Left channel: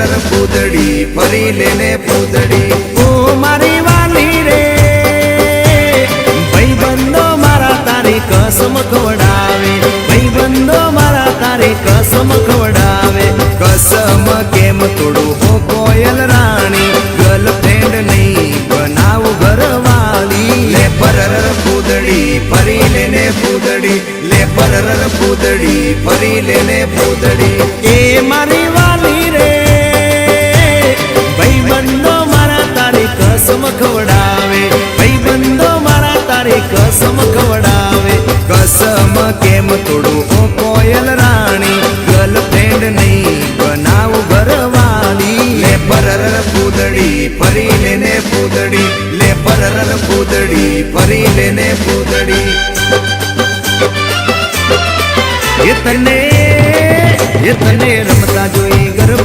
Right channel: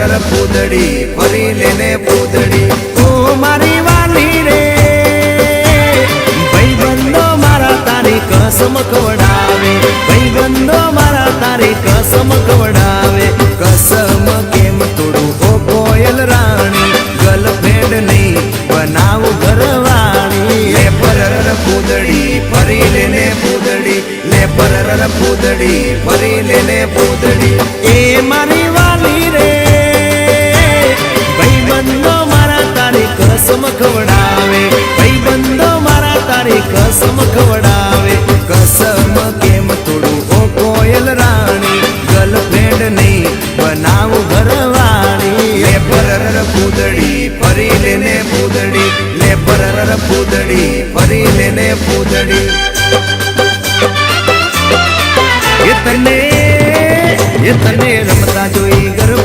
પરર પૂદડી ફરી લેને પૂદડી ઓ મારી વાલી રે ભાઈબંધો મારા તારી કસમ ખવડાવે ભાઈબંધો મારા તારી કસમ ખવડાવે કસમ કેમ તોડું હો કોયલ રાણી ગર્લફ્રેન્ડ નહીં બનાવ ઘરવાળી લે પરર પૂદડી ફરી લેને પૂદડી લે પરર પૂદડી ફરી લેને પૂદડી એ મારી વાલી રે ભાઈબંધો મારા તારી કસમ ખવડાવે ભાઈબંધો મારા તારી કસમ ખવડાવે કસમ કેમ તોડું હો કોયલ રાણી ગર્લફ્રેન્ડ નહીં બનાવ ઘરવાળી લે પરર પૂદડી ફરી લેને પૂદડી લે પરર પૂદડી ફરી લેને પૂદડી એ તને રમતા જોઈ ગરબા